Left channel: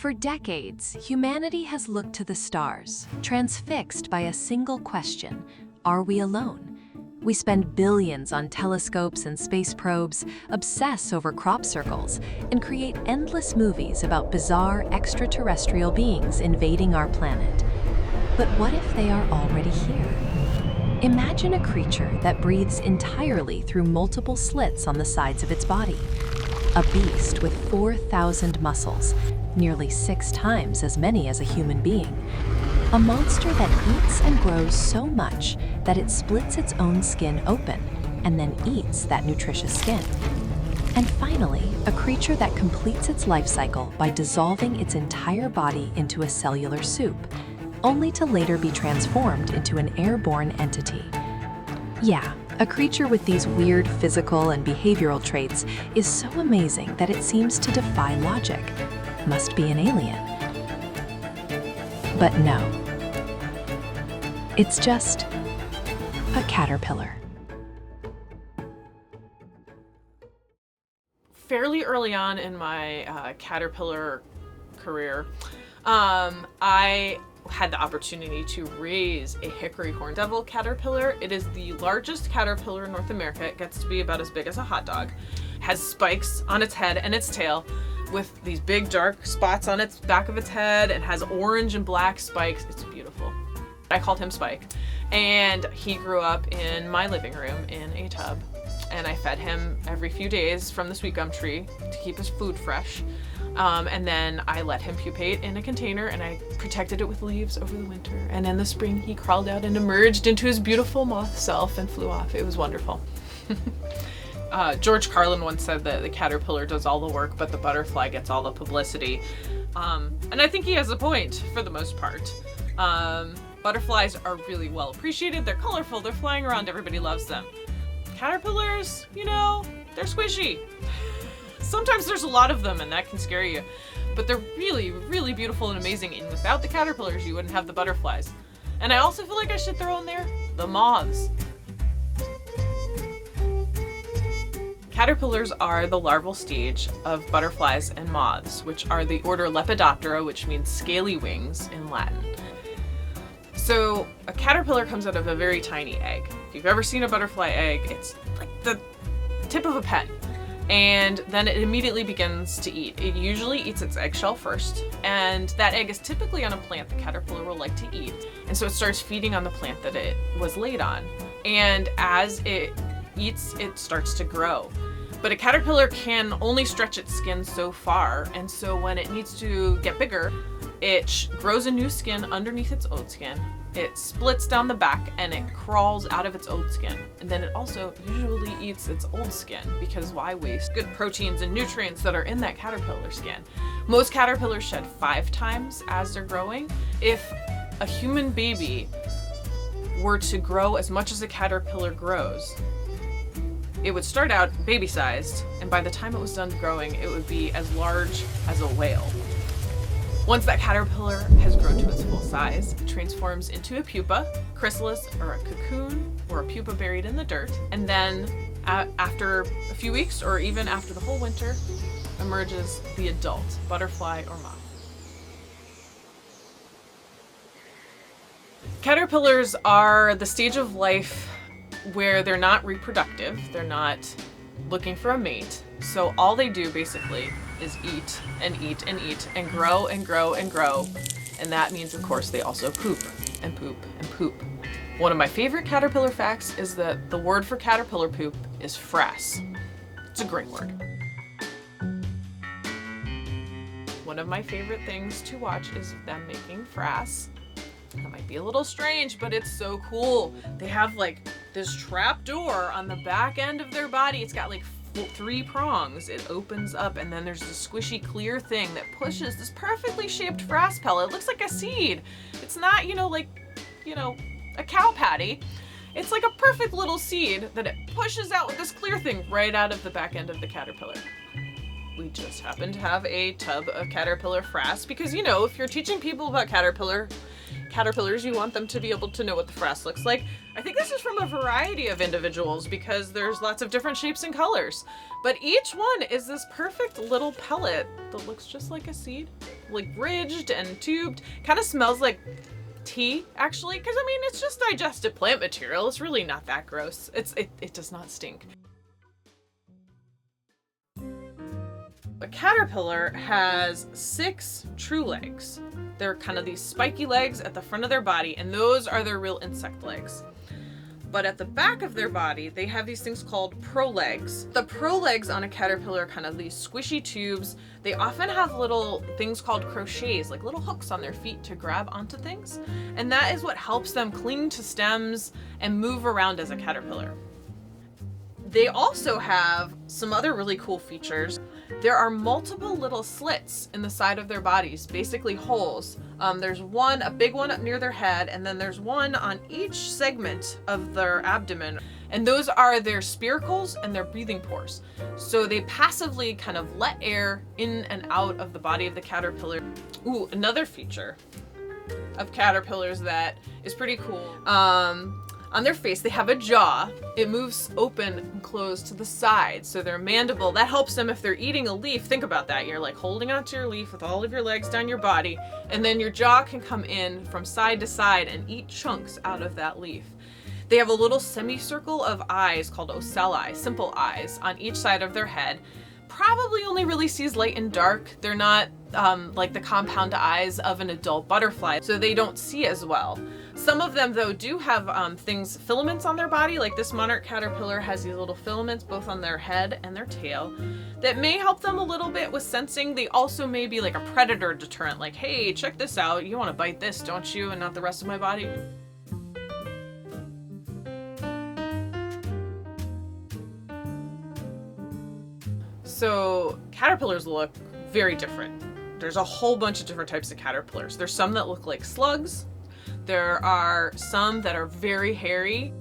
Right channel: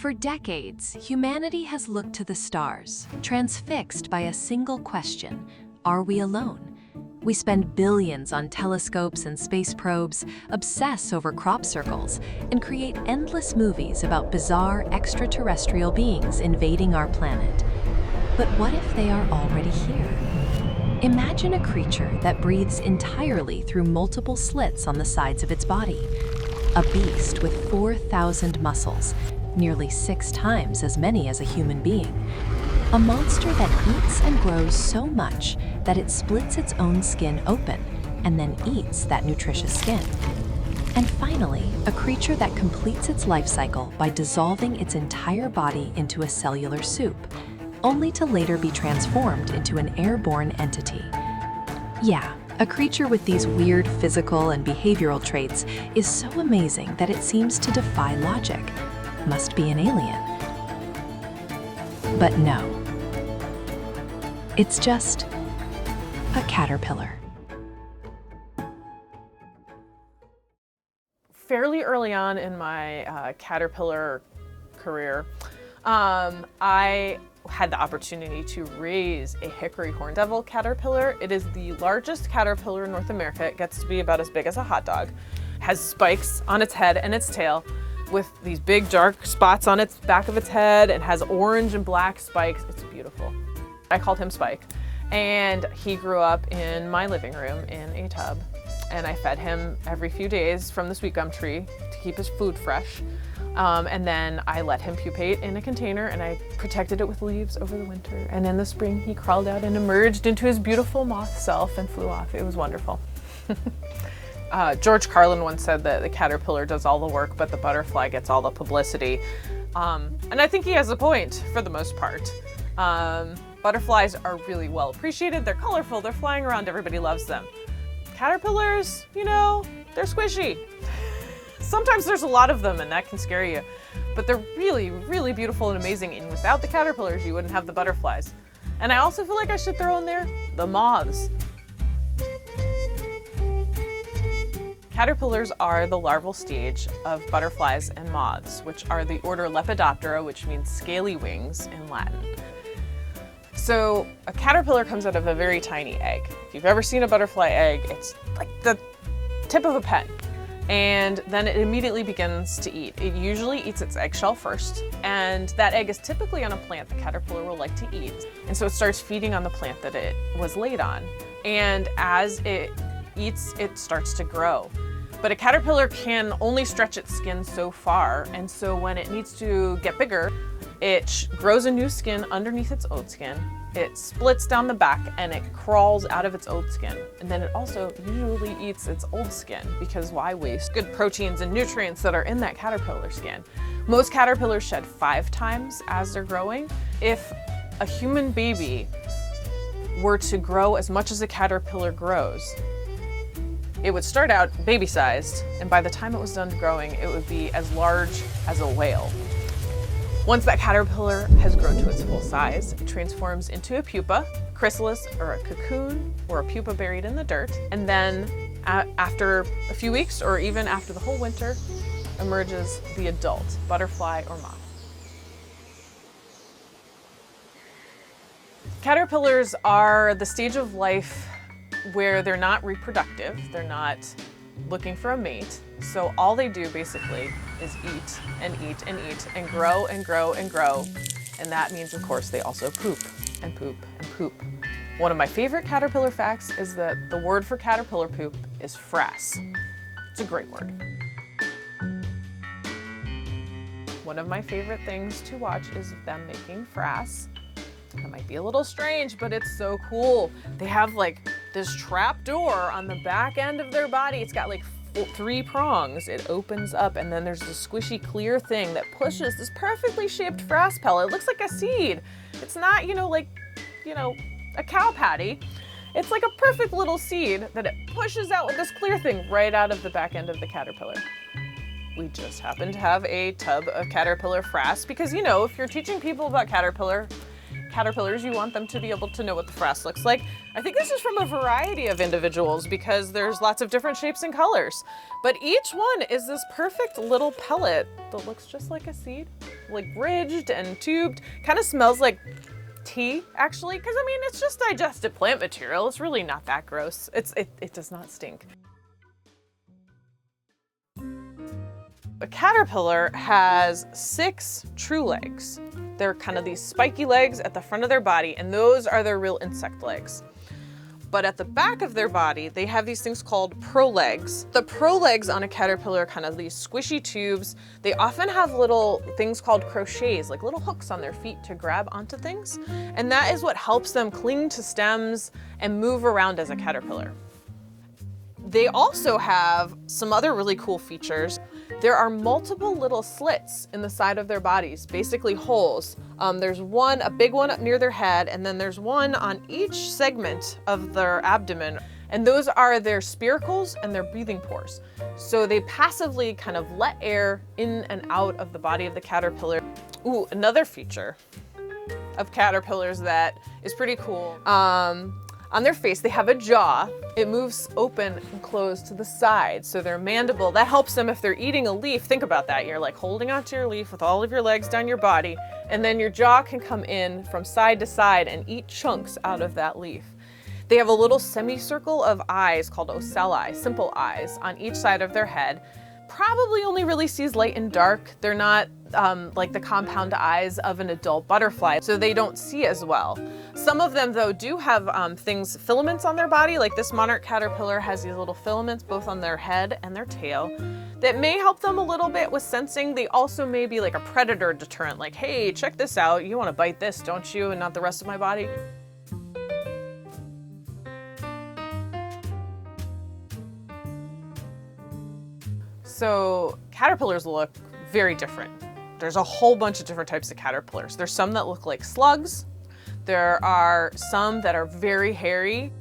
For decades, humanity has looked to the stars, transfixed by a single question: are we alone? We spend billions on telescopes and space probes, obsess over crop circles, and create endless movies about bizarre extraterrestrial beings invading our planet. But what if they are already here? Imagine a creature that breathes entirely through multiple slits on the sides of its body. A beast with 4,000 muscles, nearly 6 times as many as a human being. A monster that eats and grows so much that it splits its own skin open and then eats that nutritious skin. And finally, a creature that completes its life cycle by dissolving its entire body into a cellular soup, only to later be transformed into an airborne entity. Yeah, a creature with these weird physical and behavioral traits is so amazing that it seems to defy logic. Must be an alien. But no. It's just a caterpillar. Fairly early on in my caterpillar career, I had the opportunity to raise a hickory horned-devil caterpillar. It is the largest caterpillar in North America. It gets to be about as big as a hot dog. It has spikes on its head and its tail with these big dark spots on its back of its head. It has orange and black spikes. It's beautiful. I called him Spike. And he grew up in my living room in a tub. And I fed him every few days from the sweet gum tree to keep his food fresh. And then I let him pupate in a container and I protected it with leaves over the winter. And in the spring, he crawled out and emerged into his beautiful moth self and flew off. It was wonderful. George Carlin once said that the caterpillar does all the work, but the butterfly gets all the publicity. And I think he has a point for the most part. Butterflies are really well appreciated. They're colorful. They're flying around. Everybody loves them. Caterpillars, you know, they're squishy. Sometimes there's a lot of them and that can scare you, but they're really, really beautiful and amazing. And without the caterpillars, you wouldn't have the butterflies. And I also feel like I should throw in there the moths. Caterpillars are the larval stage of butterflies and moths, which are the order Lepidoptera, which means scaly wings in Latin. So a caterpillar comes out of a very tiny egg. If you've ever seen a butterfly egg, it's like the tip of a pen. And then it immediately begins to eat. It usually eats its eggshell first, and that egg is typically on a plant the caterpillar will like to eat. And so it starts feeding on the plant that it was laid on. And as it eats, it starts to grow. But a caterpillar can only stretch its skin so far, and so when it needs to get bigger, it grows a new skin underneath its old skin. It splits down the back and it crawls out of its old skin. And then it also usually eats its old skin, because why waste good proteins and nutrients that are in that caterpillar skin? Most caterpillars shed 5 times as they're growing. If a human baby were to grow as much as a caterpillar grows, it would start out baby-sized, and by the time it was done growing, it would be as large as a whale. Once that caterpillar has grown to its full size, it transforms into a pupa, chrysalis, or a cocoon, or a pupa buried in the dirt, and then after a few weeks, or even after the whole winter, emerges the adult butterfly or moth. Caterpillars are the stage of life where they're not reproductive, they're not looking for a mate. So all they do basically is eat and eat and eat and grow and grow and grow. And that means, of course, they also poop and poop and poop. One of my favorite caterpillar facts is that the word for caterpillar poop is frass. It's a great word. One of my favorite things to watch is them making frass. That might be a little strange, but it's so cool. They have like this trap door on the back end of their body. It's got like 3 prongs. It opens up and then there's this squishy clear thing that pushes this perfectly shaped frass pellet. It looks like a seed. It's not, a cow patty. It's like a perfect little seed that it pushes out with this clear thing right out of the back end of the caterpillar. We just happen to have a tub of caterpillar frass because, if you're teaching people about caterpillar, caterpillars, you want them to be able to know what the frass looks like. I think this is from a variety of individuals because there's lots of different shapes and colors. But each one is this perfect little pellet that looks just like a seed, like ridged and tubed. Kind of smells like tea, actually, because I mean, it's just digested plant material. It's really not that gross. It does not stink. A caterpillar has 6 true legs. They're kind of these spiky legs at the front of their body, and those are their real insect legs. But at the back of their body, they have these things called prolegs. The prolegs on a caterpillar are kind of these squishy tubes. They often have little things called crochets, like little hooks on their feet to grab onto things. And that is what helps them cling to stems and move around as a caterpillar. They also have some other really cool features. There are multiple little slits in the side of their bodies, basically holes. There's one, a big one up near their head, and then there's one on each segment of their abdomen. And those are their spiracles and their breathing pores. So they passively kind of let air in and out of the body of the caterpillar. Ooh, another feature of caterpillars that is pretty cool. On their face, they have a jaw. It moves open and closed to the side. So their mandible, that helps them if they're eating a leaf. Think about that. You're like holding onto your leaf with all of your legs down your body, and then your jaw can come in from side to side and eat chunks out of that leaf. They have a little semicircle of eyes called ocelli, simple eyes, on each side of their head. Probably only really sees light and dark. They're not like the compound eyes of an adult butterfly, so they don't see as well. Some of them, though, do have filaments on their body, like this monarch caterpillar has these little filaments both on their head and their tail that may help them a little bit with sensing. They also may be like a predator deterrent, like, hey, check this out, you want to bite this, don't you, and not the rest of my body. So caterpillars look very different. There's a whole bunch of different types of caterpillars. There's some that look like slugs. There are some that are very hairy.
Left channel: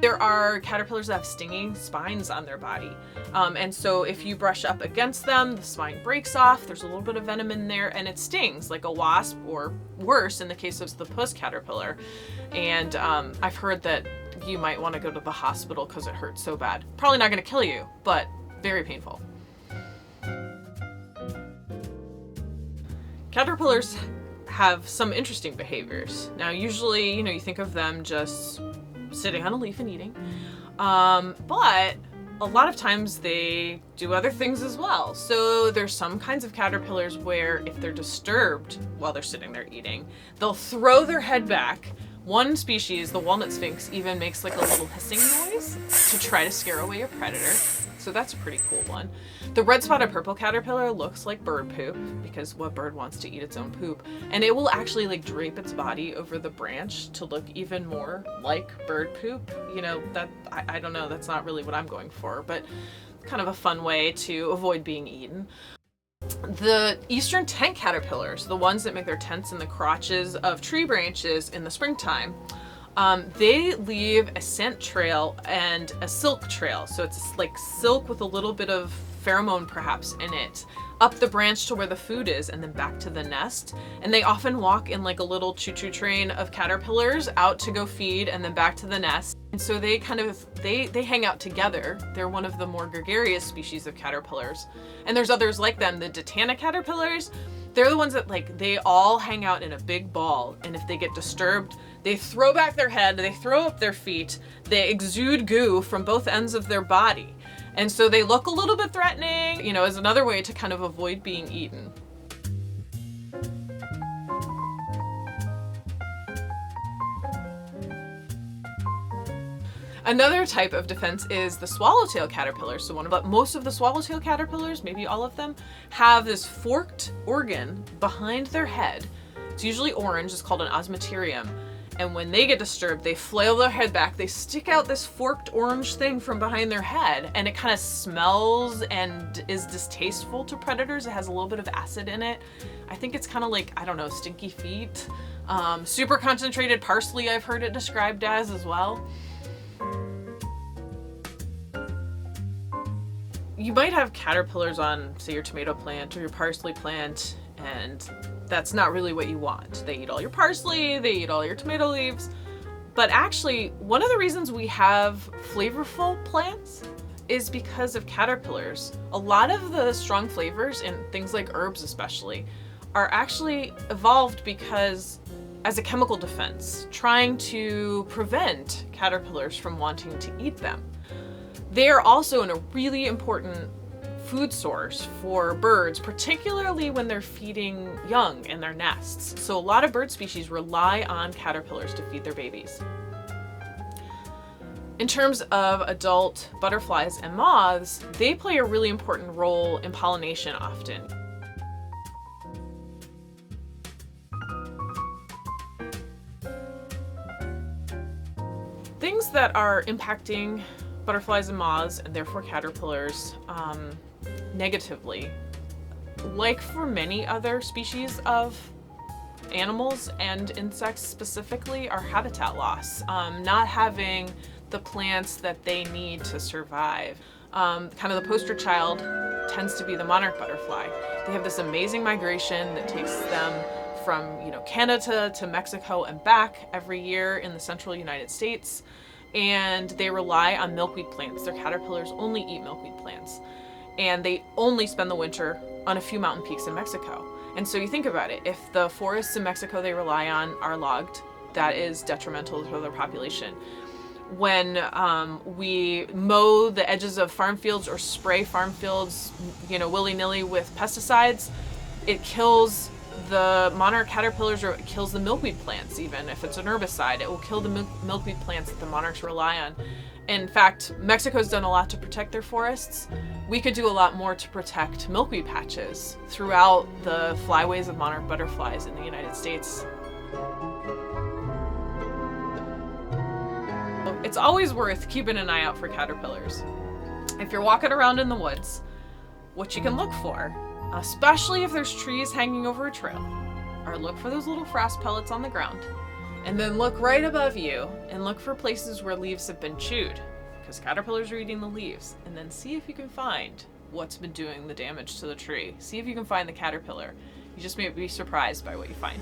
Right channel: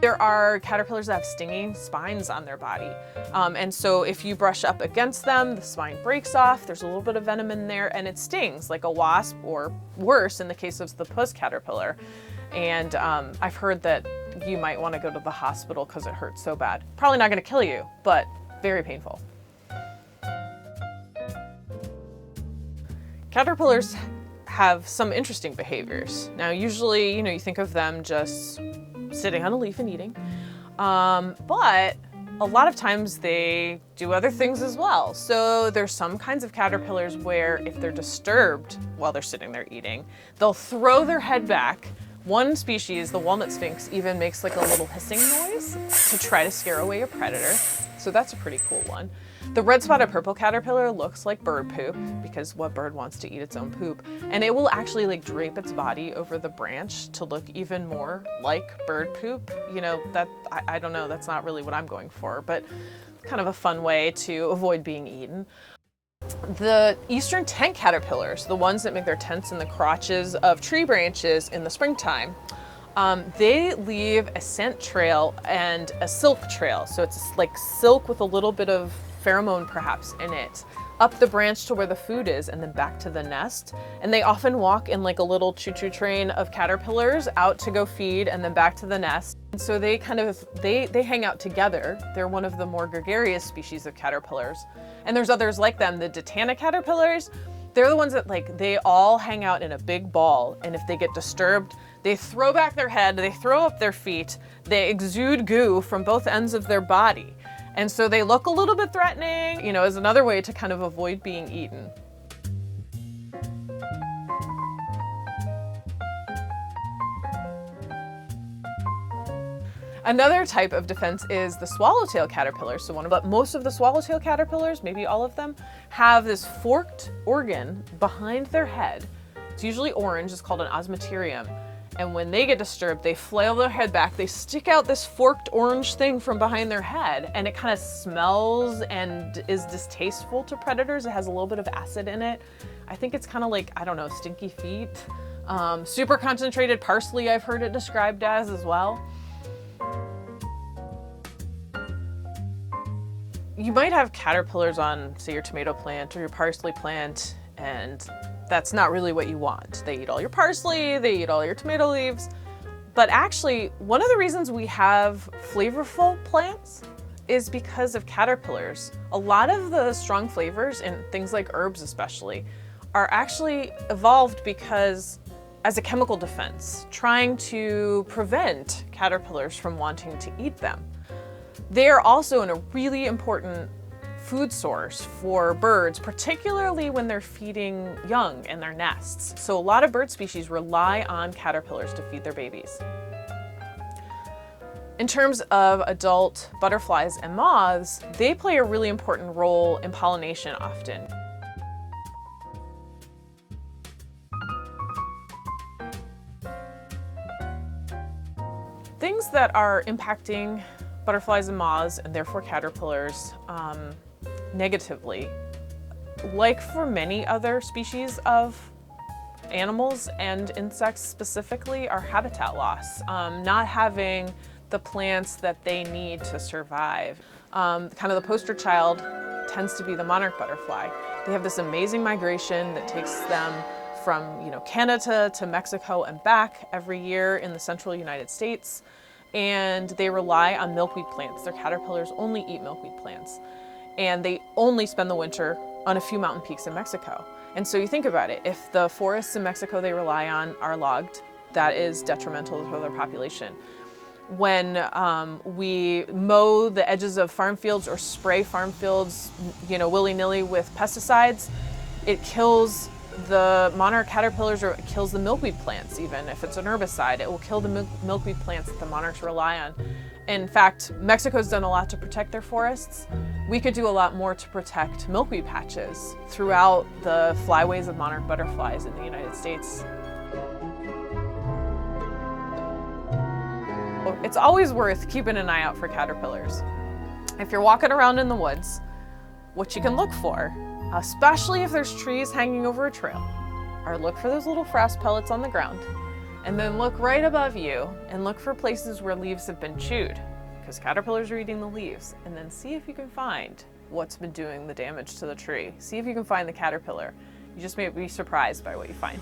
There are caterpillars that have stinging spines on their body. And so if you brush up against them, the spine breaks off, there's a little bit of venom in there, and it stings like a wasp, or worse in the case of the puss caterpillar. And I've heard that you might want to go to the hospital because it hurts so bad. Probably not going to kill you, but very painful. Caterpillars have some interesting behaviors. Now, usually, you think of them just sitting on a leaf and eating, but a lot of times they do other things as well. So there's some kinds of caterpillars where if they're disturbed while they're sitting there eating, they'll throw their head back. One species, the walnut sphinx, even makes like a little hissing noise to try to scare away a predator. So that's a pretty cool one. The red-spotted purple caterpillar looks like bird poop, because what bird wants to eat its own poop? And it will actually like drape its body over the branch to look even more like bird poop. That I don't know, that's not really what I'm going for, but kind of a fun way to avoid being eaten. The eastern tent caterpillars, the ones that make their tents in the crotches of tree branches in the springtime, they leave a scent trail and a silk trail. So it's like silk with a little bit of pheromone perhaps in it, up the branch to where the food is and then back to the nest. And they often walk in like a little choo-choo train of caterpillars out to go feed and then back to the nest. And so they they hang out together. They're one of the more gregarious species of caterpillars. And there's others like them, the Ditana caterpillars. They're the ones that they all hang out in a big ball, and if they get disturbed, they throw back their head, they throw up their feet, they exude goo from both ends of their body. And so they look a little bit threatening, as another way to kind of avoid being eaten. Another type of defense is the swallowtail caterpillar. So most of the swallowtail caterpillars, maybe all of them, have this forked organ behind their head. It's usually orange, it's called an osmeterium. And when they get disturbed, they flail their head back, they stick out this forked orange thing from behind their head, and it kind of smells and is distasteful to predators. It has a little bit of acid in it. I think it's kind of like, I don't know, stinky feet. Super concentrated parsley, I've heard it described as well. You might have caterpillars on, say, your tomato plant or your parsley plant, and that's not really what you want. They eat all your parsley, they eat all your tomato leaves. But actually, one of the reasons we have flavorful plants is because of caterpillars. A lot of the strong flavors, in things like herbs especially, are actually evolved because as a chemical defense, trying to prevent caterpillars from wanting to eat them. They are also a really important food source for birds, particularly when they're feeding young in their nests. So a lot of bird species rely on caterpillars to feed their babies. In terms of adult butterflies and moths, they play a really important role in pollination often. Things that are impacting butterflies and moths, and therefore caterpillars, negatively, like for many other species of animals and insects specifically, are habitat loss. Not having the plants that they need to survive. Kind of the poster child tends to be the monarch butterfly. They have this amazing migration that takes them from Canada to Mexico and back every year in the central United States. And they rely on milkweed plants. Their caterpillars only eat milkweed plants. And they only spend the winter on a few mountain peaks in Mexico. And so you think about it, if the forests in Mexico they rely on are logged, that is detrimental to their population. When we mow the edges of farm fields or spray farm fields, willy-nilly with pesticides, it kills the monarch caterpillars, or it kills the milkweed plants. Even if it's an herbicide, it will kill the milkweed plants that the monarchs rely on. In fact, Mexico's done a lot to protect their forests. We could do a lot more to protect milkweed patches throughout the flyways of monarch butterflies in the United States. It's always worth keeping an eye out for caterpillars. If you're walking around in the woods, what you can look for, especially if there's trees hanging over a trail, are look for those little frass pellets on the ground, and then look right above you and look for places where leaves have been chewed, because caterpillars are eating the leaves, and then see if you can find what's been doing the damage to the tree. See if you can find the caterpillar. You just may be surprised by what you find.